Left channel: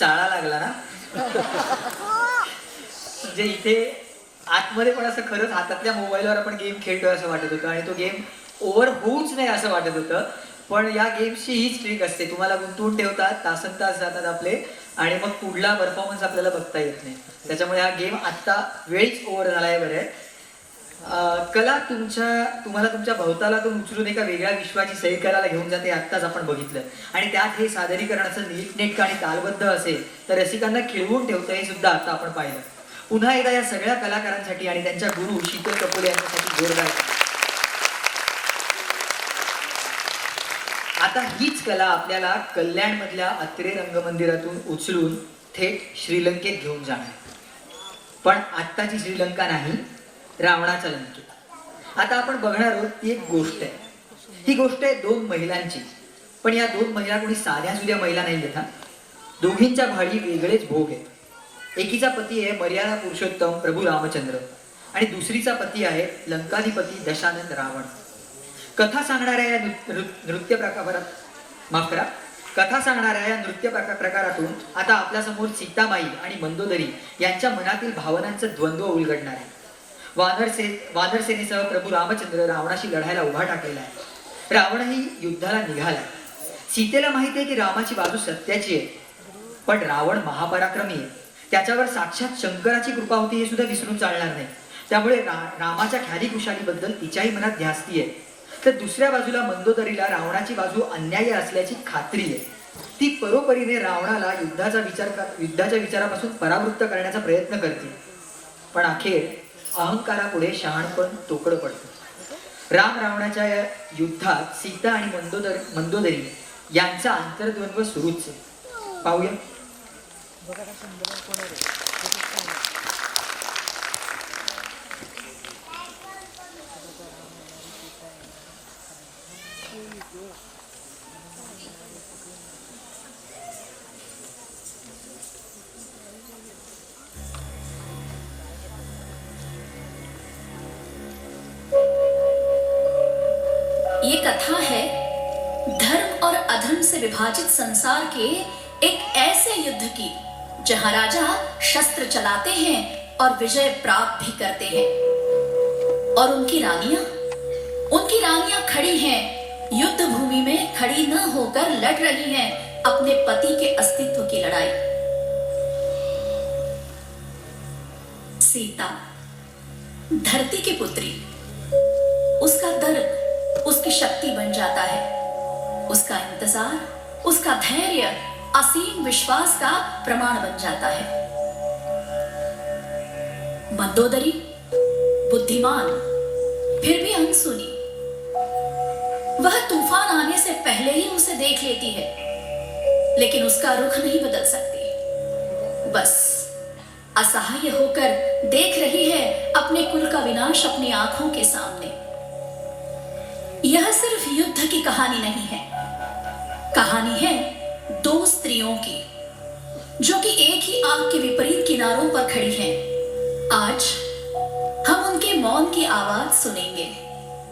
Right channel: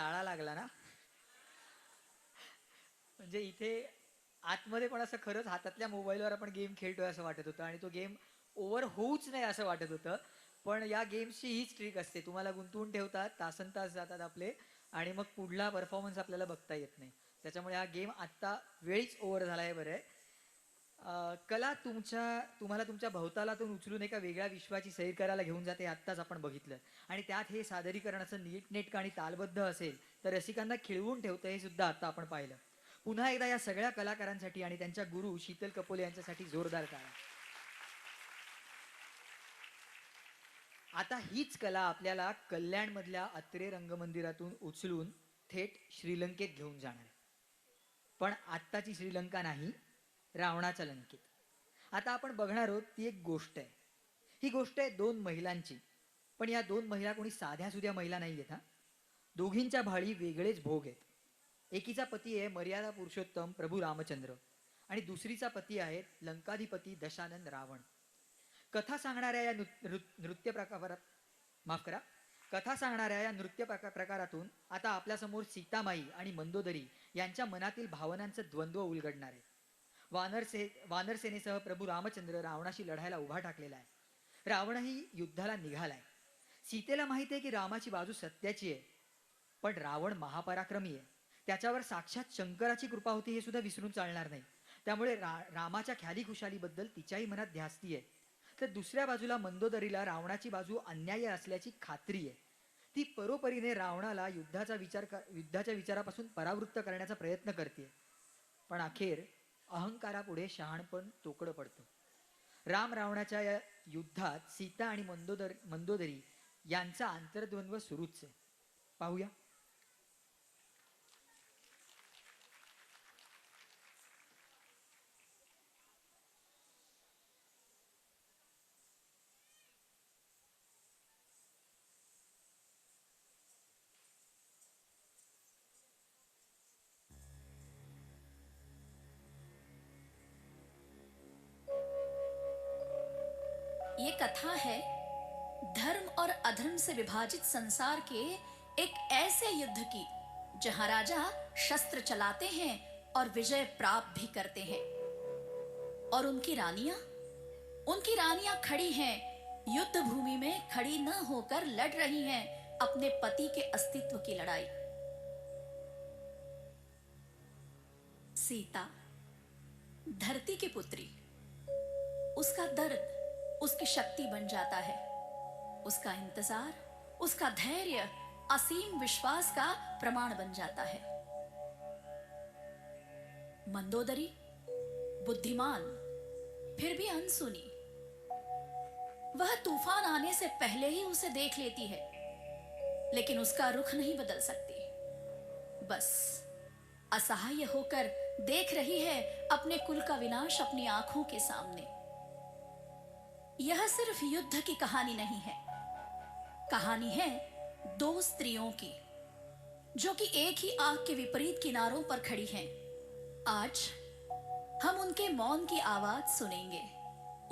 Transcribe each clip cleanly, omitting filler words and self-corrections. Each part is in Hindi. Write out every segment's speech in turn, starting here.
चाळा लागला ना. म्हणजे इथे आतमध्ये पण असं खरंच हातातल्या मोबाईलवर आपण गेम खेळतोय असं वाटत होतं आणि तो गेम ओव्हर होऊच नाही असं वाटत होतं. पण या गेमची हीच ट्रिक असते, तुम्हाला गुंतवून ठेवतात, तासनतास जातात आपले आणि मग पुढला परफॉर्मन्स आपल्याला बघता येत नाही. त्याच्यामुळे हा गेम आत्ता वेळीच ओव्हर झालाय बरे. कला तुम्हाला तुमच्या भोवतालातून उचलून एका वेगळ्या विश्वाची सैर करायला घेऊन जाते, आत्ताच आपण बघितलं. आणि त्यात हे सादरीकरणाचं नीटनेटकं आणि तालबद्ध असेल तर रसिकांना खिळवून ठेवतं, हे सुद्धा आता आपण पाहिलं. पुन्हा एकदा या सगळ्या कलाकारांसाठी आणि त्यांच्या गुरु शीतल कपोले यांच्यासाठी जोरदार. आता हीच कला आपल्याला कल्याण मधल्या अत्रे रंगमंदिरातून उचलून थेट श्रीलंकेत घेऊन जाणार. पण आत्ताची श्रीलंका नाही, रावणाच्या लंकेत. आता आपण बघणार आहोत ती एक गोष्ट आहे. ही गोष्ट आहे दोन महिलांची. पण या दोन महिला कोणी साध्या सुध्या महिला नाही आहेत. दोघींच्या भाडी वेगळेच भोग आहेत. एकीचा पती आहे मर्यादा पुरुषोत्तम प्रभू रामचंद्र आणि दुसरीचा पती आहे लंकाधिपती दशानंद रावण. कथा सांगणाऱ्या या नृत्य प्रकारात माफ करा कथा सांगणाऱ्या या नृत्य प्रकारातून आता आपल्यासमोर सीतामाई आणि मंदोदरी यांच्या मनातील भावनांचं द्वंद्व उलगडणार आहे. वानर सेनेसह प्रभू रामचंद्र रावणाशी लढायला उभा टाकलेला आहे. रावणही युद्धाला निघाला. सीतेला माहिती आहे की रामाची बाजू सत्याची आहे, पण रावण महापराक्रमी आहे. त्याच्यावर साक्षात शंकराची कृपा होती हे सुद्धा विसरून चालणार नाही. त्यामुळे रामाच्या ख्याली खुशालीबद्दल तिच्याही मनात ध्यासती आहे. तर दुसऱ्या बाजूला मंदोदरीला रावणाची बाजू अन्यायी असल्याची खात्री आहे. ती परोपरीने रावणाला युद्धाच्या विचारापासून परावृत्त करण्याचा प्रयत्न करते. पण अखेर अहंकारापुढे शहाणपण तोकडं पडतं. राम रावणाच्या या युद्धात सीता आणि मंदोदरी यांचा आंतरद्वंद्व सुरूच आहे. पाहूया. ये कथा है धर्म और अधर्म से विभाजित संसार के एक ऐसे युद्ध की जहां राजा शस्त्र चलाते हैं और विजय प्राप्त भी करते हैं और उनकी रानियां खड़ी हैं युद्ध भूमि में, खड़ी न होकर लड़ रही हैं अपने पति के अस्तित्व की लड़ाई. सीता धरती की पुत्री, उसका दर्द उसकी शक्ति बन जाता है. उसका इंतजार, उसका धैर्य असीम विश्वास का प्रमाण बन जाता है. मंदोदरी बुद्धिमान फिर भी अनसुनी. वह तूफान आने से पहले ही उसे देख लेती है, लेकिन उसका रुख नहीं बदल सकती. बस असहाय होकर देख रही है अपने कुल का विनाश अपनी आंखों के सामने. यह सिर्फ युद्ध की कहानी नहीं है, कहानी है दो स्त्रियों की जो कि एक ही आग के विपरीत किनारों पर खड़ी हैं. आज हम उनके मौन की आवाज सुनेंगे,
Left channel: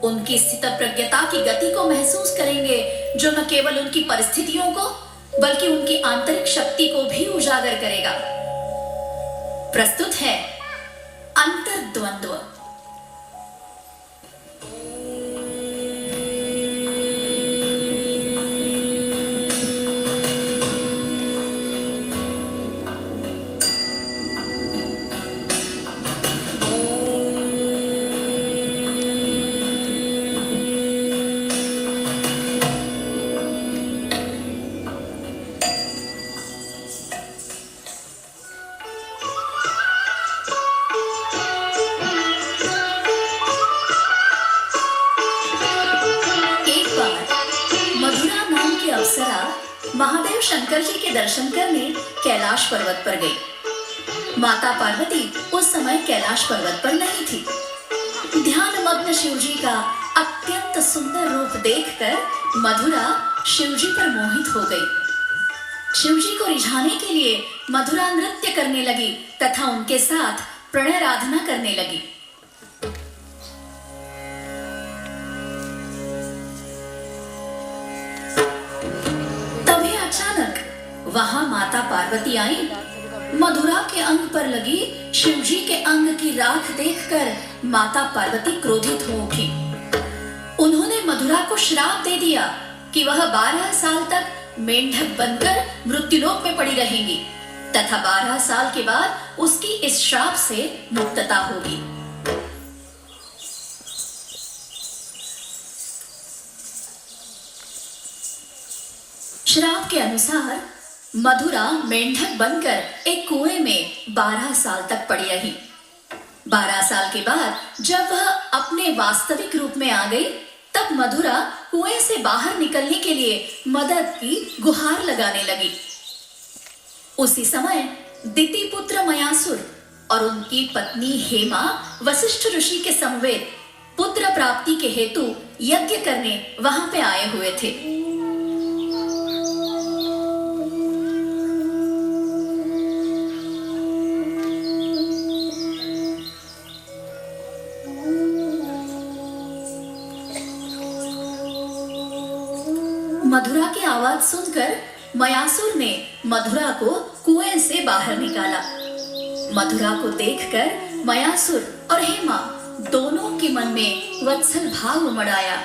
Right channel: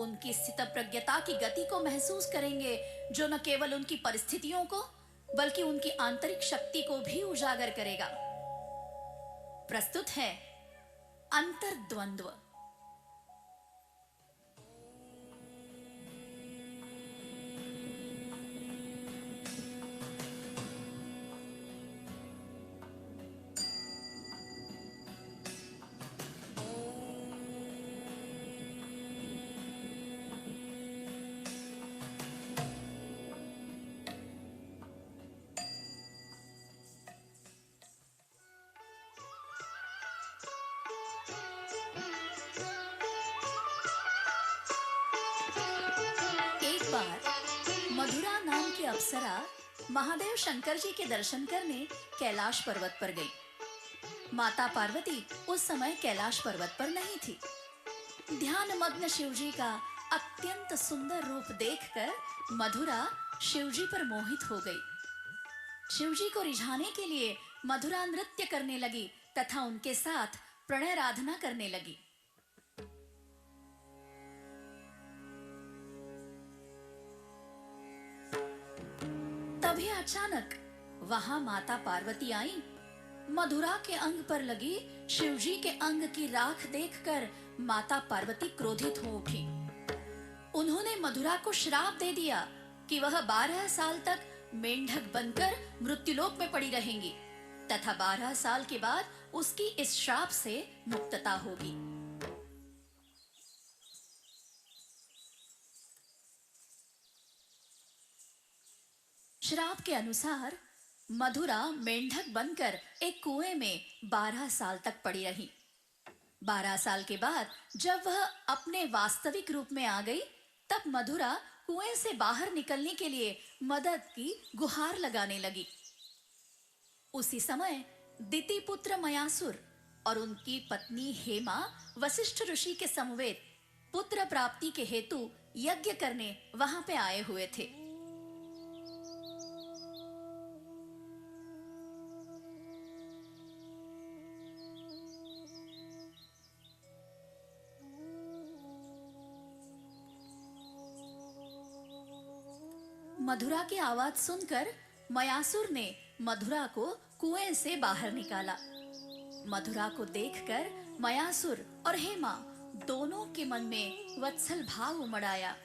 उनकी स्थितप्रज्ञता की गति को महसूस करेंगे, जो न केवल उनकी परिस्थितियों को बल्कि उनकी आंतरिक शक्ति को भी उजागर करेगा. प्रस्तुत है अंतर्द्वंद्व. महादेव शंकर जी के दर्शन करने कैलाश पर्वत पर गई. माता पार्वती उस समय कैलाश पर्वत पर नहीं थी. ध्यानमग्न शिव जी का अत्यंत सुंदर रूप देखकर मधुरा शिव जी पर मोहित हो गई. शिव जी को रिझाने के लिए मधुरा नृत्य करने लगी तथा उनके साथ प्रणय आराधना करने लगी. वहां माता पार्वती आई, मधुरा के अंग पर लगी शिवजी के अंग की राख देखकर माता पार्वती क्रोधित हो उठी। उन्होंने मधुरा को श्राप दे दिया कि वह 12 साल तक मेंढक बनकर मृत्युलोक में पड़ी रहेगी तथा 12 साल के बाद उसकी इस श्राप से मुक्तता होगी। श्राप के अनुसार मधुरा मेंढक बनकर एक कुएं में 12 साल तक पड़ी रही। 12 साल के बाद जब वह अपने वास्तविक रूप में आ गई, तब मधुरा कुएं से बाहर निकलने के लिए मदद की गुहार लगाने लगी। उसी समय दिति पुत्र मयासुर और उनकी पत्नी हेमा वशिष्ठ ऋषि के समवेत पुत्र प्राप्ति के हेतु यज्ञ करने वहां पे आए हुए थे। मधुरा की आवाज सुनकर मयासुर ने मधुरा को कुएं से बाहर निकाला। मधुरा को देखकर मयासुर और हेमा दोनों के मन में वत्सल भाव उमड़ आया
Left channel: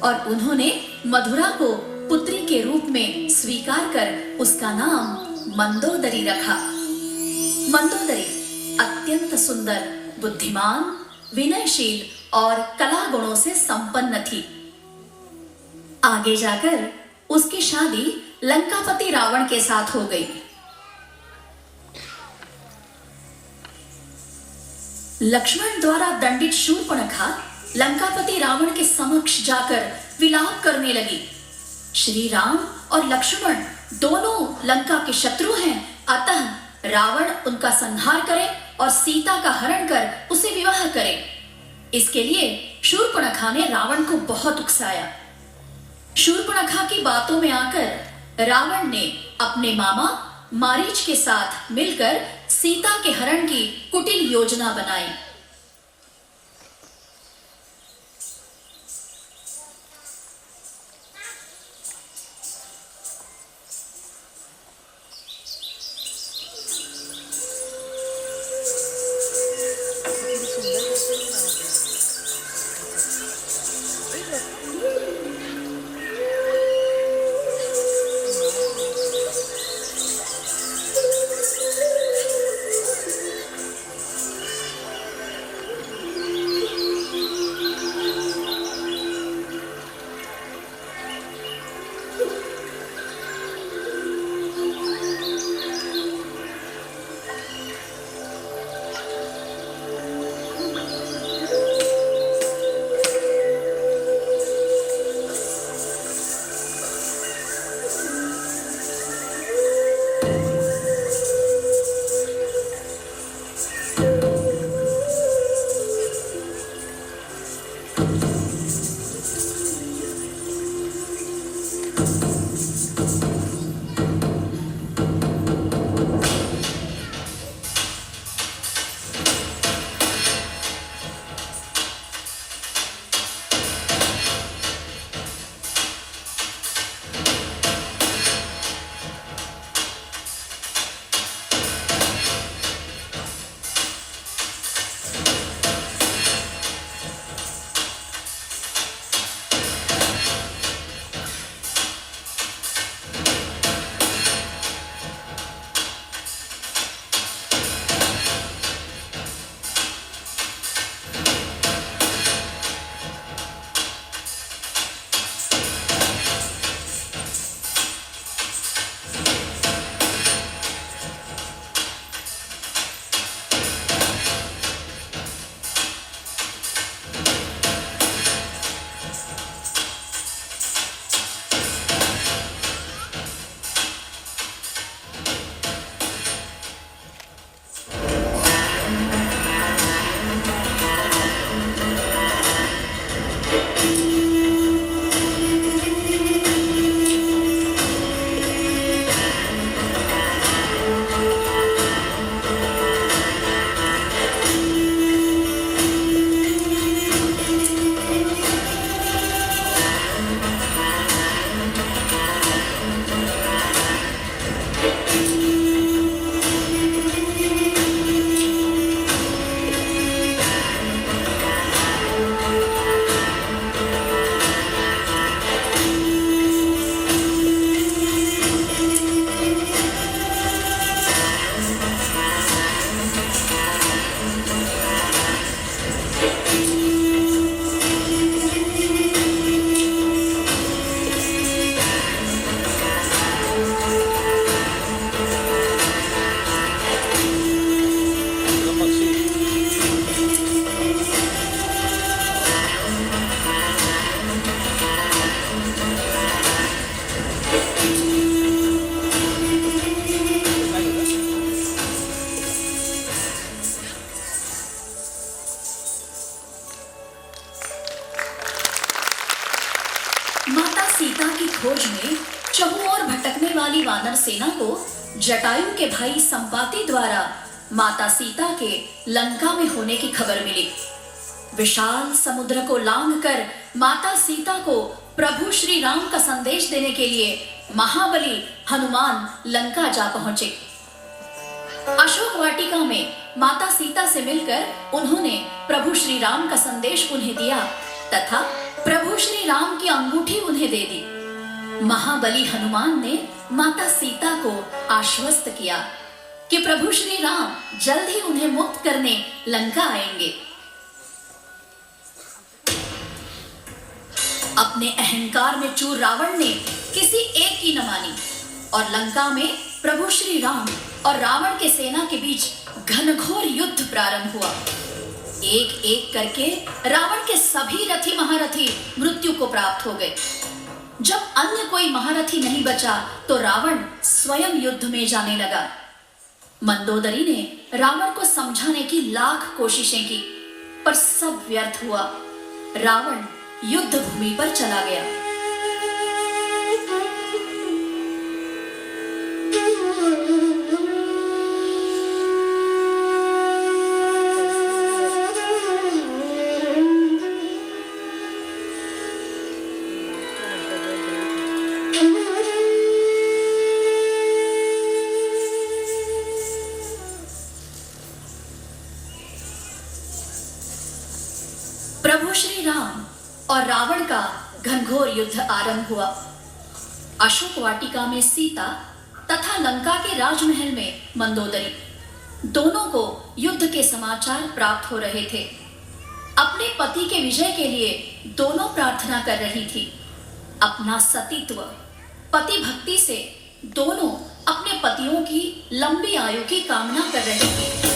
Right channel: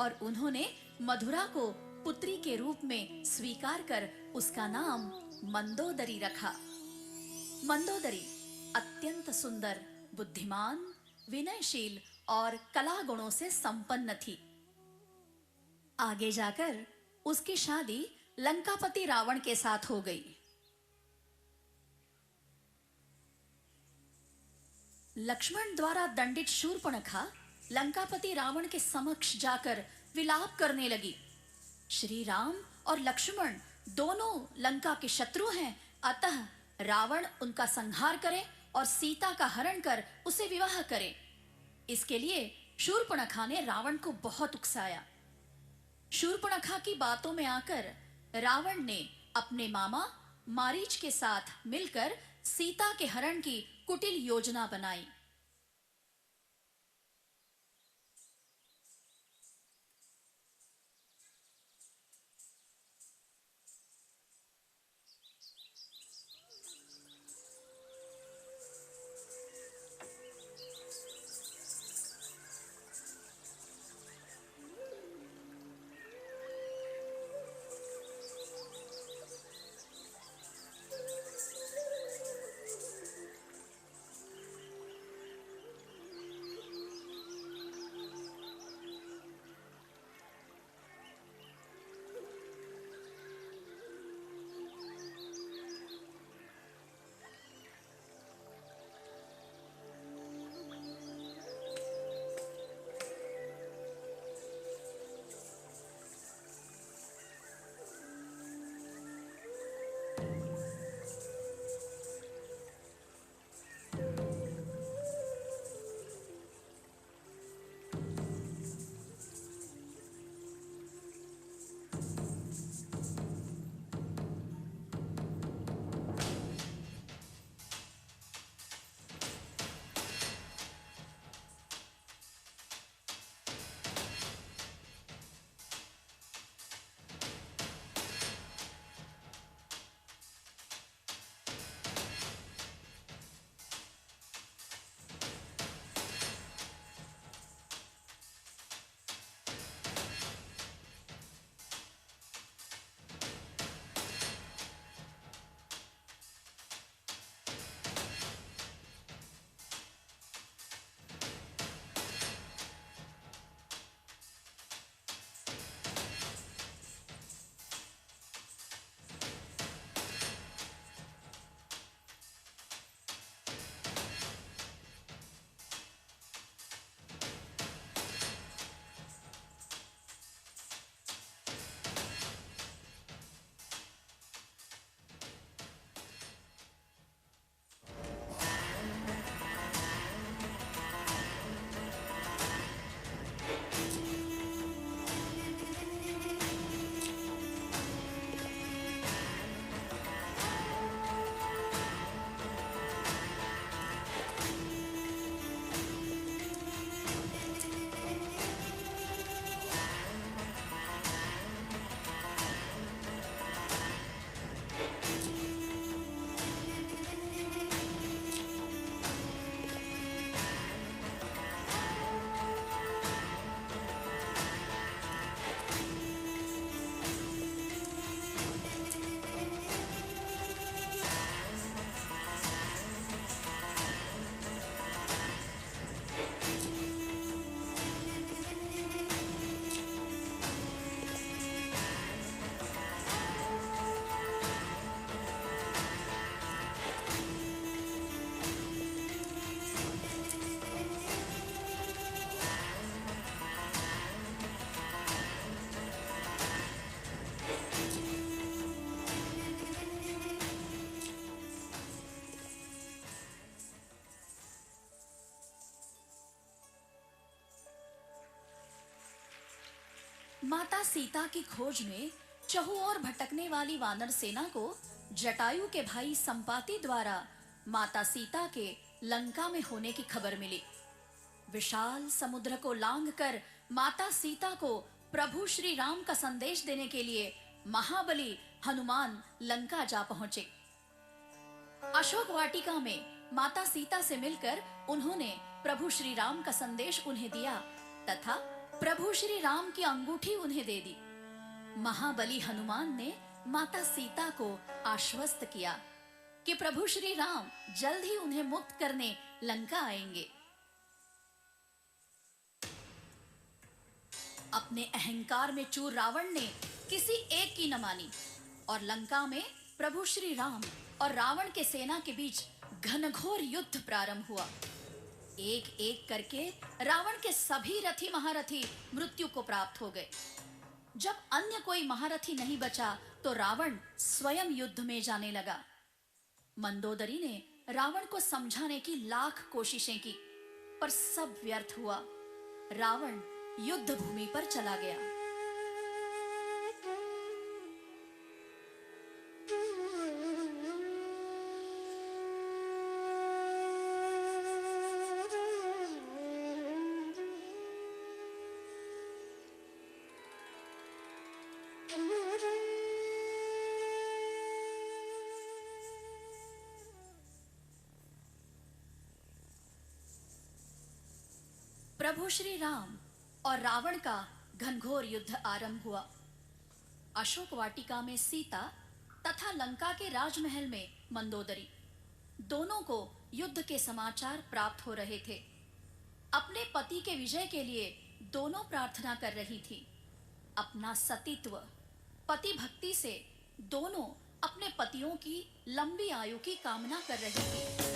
और उन्होंने मधुरा को पुत्री के रूप में स्वीकार कर उसका नाम मंदोदरी रखा। मंदोदरी अत्यंत सुंदर, बुद्धिमान, विनयशील और कला गुणों से संपन्न थी। आगे जाकर उसकी शादी लंकापति रावण के साथ हो गई। लक्ष्मण द्वारा दंडित शूर्पणखा लंकापति रावण के समक्ष जाकर विलाप करने लगी। श्री राम और लक्ष्मण दोनों लंका के शत्रु हैं, अतः रावण उनका संहार करे और सीता का हरण कर उसे विवाह करे। इसके लिए शूर्पणखा ने रावण को बहुत उकसाया। शूर्पणखा की बातों में आकर रावण ने अपने मामा मारीच के साथ मिलकर सीता के हरण की कुटिल योजना बनाई। के भाई संपाति द्वारा माता सीता के लंका में होने की खबर मिली। विशाल समुद्र को लांघकर माता सीता को प्रभु श्री राम का संदेश देने के लिए महाबली हनुमान लंका जा पहुंचे। अशोक वाटिका में माता सीता से मिलकर उन्होंने प्रभु श्री राम का संदेश उन्हें दिया तथा प्रभु श्री राम की अंगूठी उन्हें दे दी। महाबली हनुमान ने माता सीता को आश्वस्त किया कि प्रभु श्री राम जल्द ही उन्हें मुक्त करने लंका आएंगे। अपने अहंकार में चूर रावण ने किसी एक की न मानी और लंका में प्रभु श्री राम और रावण के सेना के बीच घनघोर युद्ध प्रारंभ हुआ। एक एक करके रावण के सभी रथी महारथी मृत्यु को प्राप्त हो गए। जब अन्य कोई महारथी नहीं बचा तो रावण स्वयं युद्ध में जाने लगा। मंदोदरी ने रावण को समझाने की लाख कोशिशें की पर सब व्यर्थ हुआ। रावण युद्ध भूमि पर चला गया। प्रभु श्री राम और रावण का घनघोर युद्ध आरंभ हुआ। अशोक वाटिका में सीता तथा लंका के राजमहल में मंदोदरी दोनों को युद्ध के समाचार प्राप्त हो रहे थे। अपने पति के विजय के लिए दोनों प्रार्थना कर रही थी। अपना सतीत्व पति भक्ति से दोनों अपने पतियों की लंबी आयु की कामना कर रही थी।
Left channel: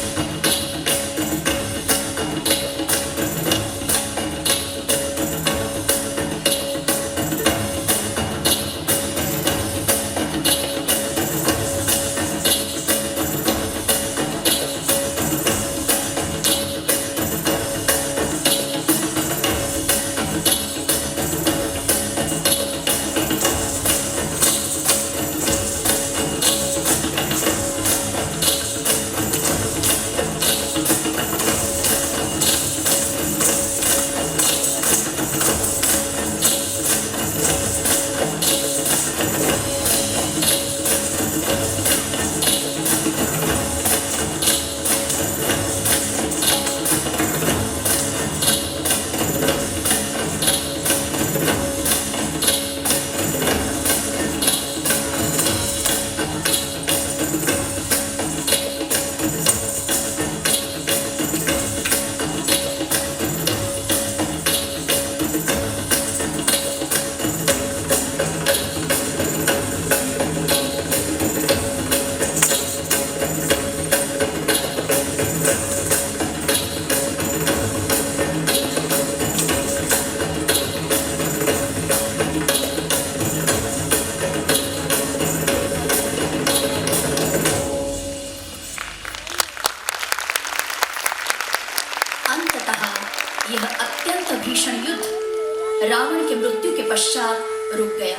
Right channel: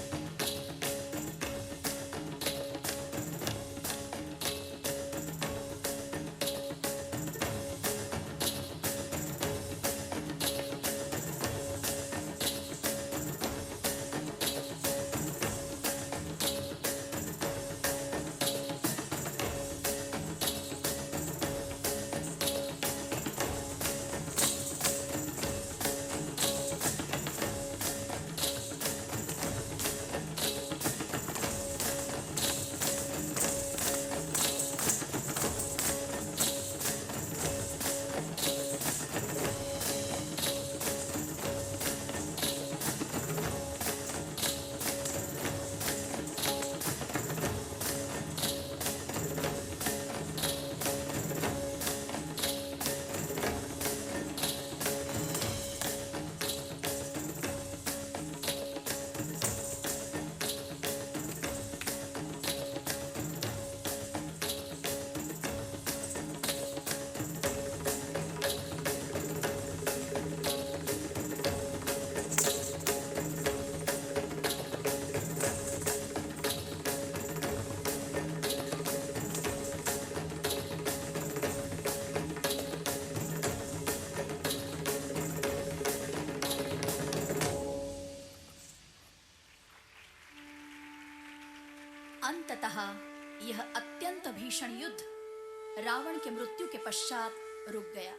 यह अत्यंत भीषण युद्ध रावण के मृत्यु के पश्चात रुक गया।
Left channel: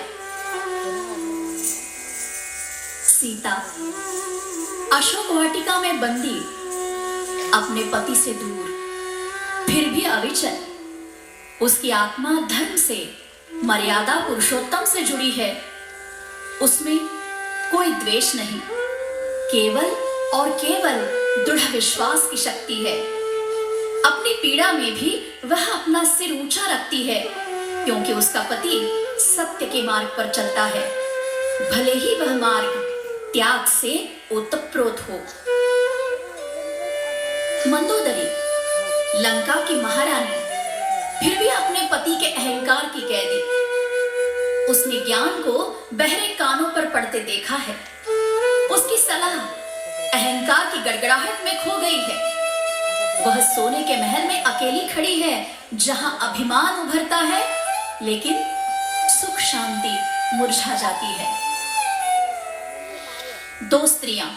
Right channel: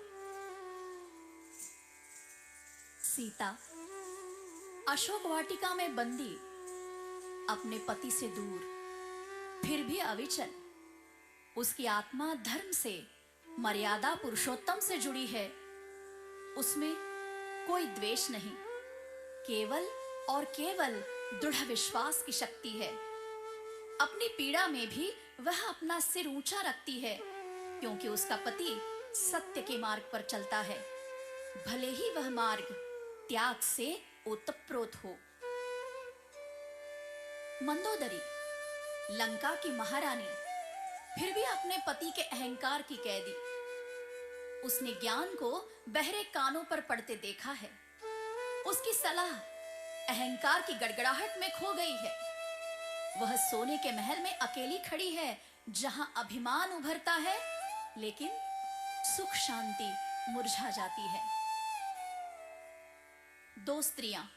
सीता अशोक वाटिका में बंदी अपने पति से दूर, फिर भी अविचल, उसकी आत्मा धर्म से, मर्यादा पुरुषोत्तम से जुड़ी है। उसमें कोई द्वेष नहीं, केवल और केवल दृढ़ विश्वास की शक्ति है। अपनी पीड़ा में भी वह अपना सिर ऊंचा रखती है, क्योंकि उसका पति सत्य के मार्ग पर चलता है, भले ही वह मार्ग त्याग से ओतप्रोत हो। मंदोदरी लंका की महारानी, फिर भी अपने पति के अहंकार की कैदी। उसने ज्ञान को बहरे कानों पर पड़ते देखा है। उसकी सलाह अहंकार की गड़गड़ाहट में खो गई है। वह सोने के महल में अकेली खड़ी है, जहां अभिमान उभरता है, लेकिन सुख शांति मुरझा जाती है। दो स्त्रियां,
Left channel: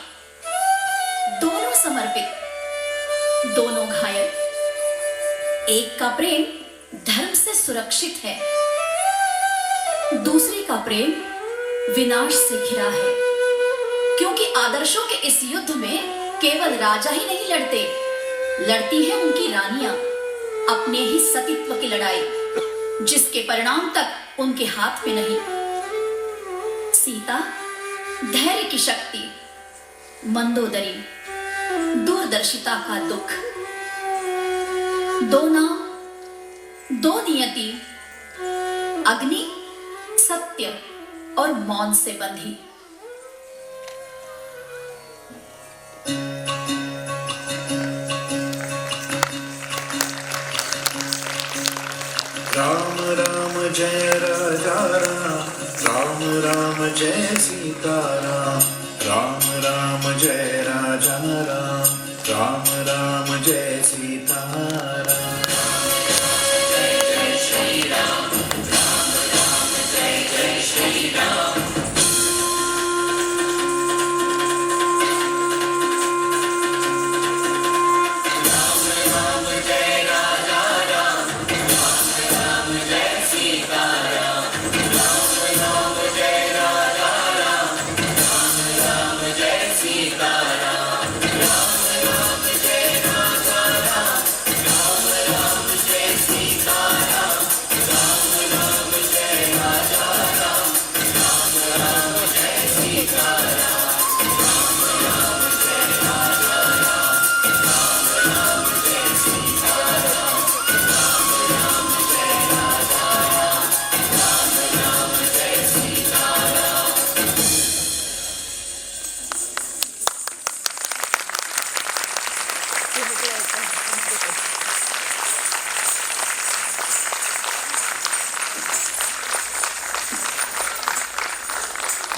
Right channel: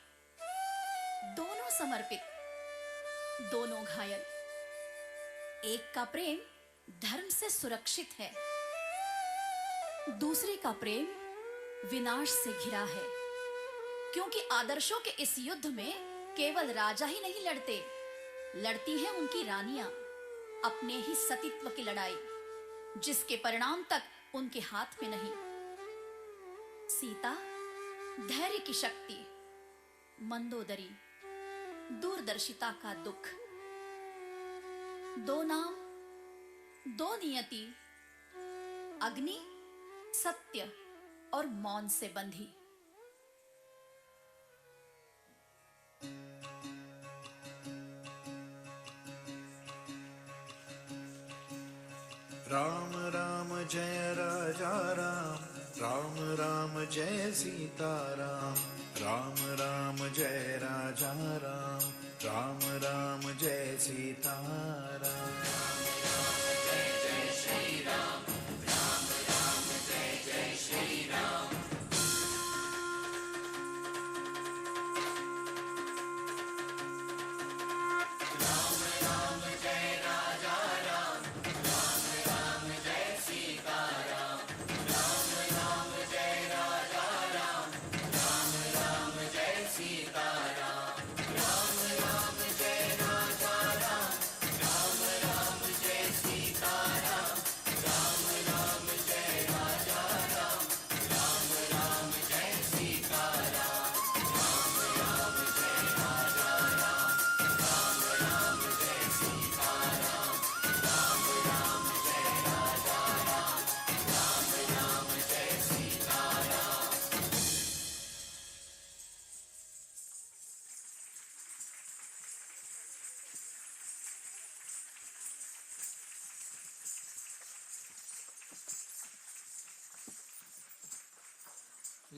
दोनों समर्पित, दोनों घायल। एक का प्रेम धर्म से सुरक्षित है, दूसरे का प्रेम विनाश से घिरा है। क्योंकि आदर्शों के इस युद्ध में केवल राजा ही नहीं लड़ते, लड़ती हैं उनकी रानियां अपने ही सतीत्व की लड़ाई, जिसके परिणाम तक उनके हाथ में नहीं। सीता धैर्य की शक्ति, मंदोदरी दूरदर्शिता का दुख, दो नाम दो नियति, अग्नि सत्य और मौन से बंधी। राम राम जय राजा राम, राम राम जय सीता राम, राम राम जय राजा राम, राम राम जय सीता राम।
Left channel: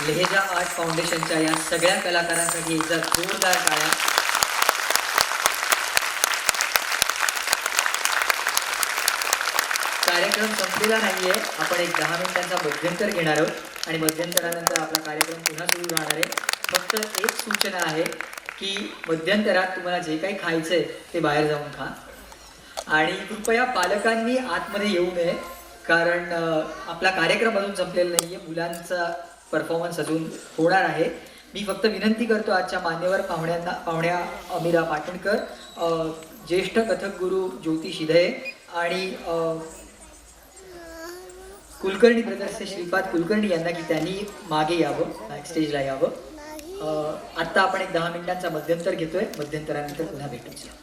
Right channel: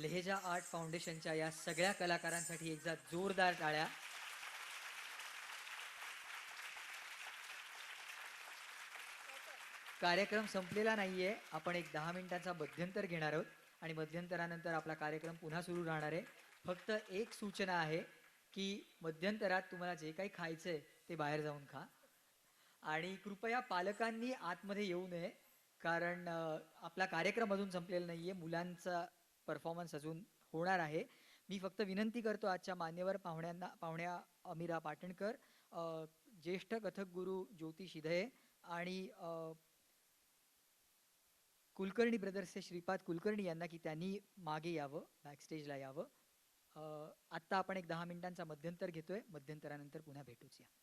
लहेजा आर्ट फाउंडेशनच्या या सगळ्या कलाकारांसाठी एकदा जोरदार टाळ्या. कार्यक्रम संपलेला नाहीये. आपण एक 10 मिनिटांचा मध्यंतर घेणार आहोत आणि मध्यंतरानंतर आपला कार्यक्रम पुन्हा सुरू राहणार आहे. फक्त एक सूचना आहे की मध्यंतरात तुम्हाला जे काही खायचंय ते बाहेर जाऊन खा आणि कृपया पालकांनी आतमध्ये येऊ नये, कारण आपला कार्यक्रम अजून संपलेला नाहीये. मुलांचा परफॉर्मन्स अजून होणार आहे. मी फक्त विनंती करतो आजच्या मान्यवर पाहुण्या अमिरा पाटणकर, ज्येष्ठ कथक गुरु ज्योती शिधे आणि कुलकर्णी ब्रदर्सचे श्रीपाद कुलकर्णी यांना की त्यांनी मागे यावं, स्टेजला यावं. आत्ता आपण एक 10 मिनिटांचा मध्यंतर घेतोय. मध्यंतरानंतर पुन्हा भेटूया.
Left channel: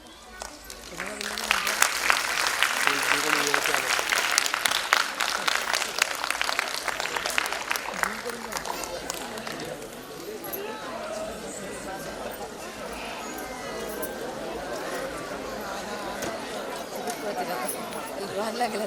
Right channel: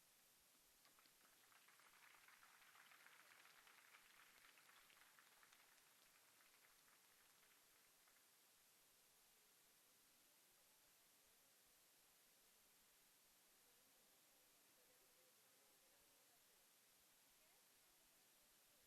लागला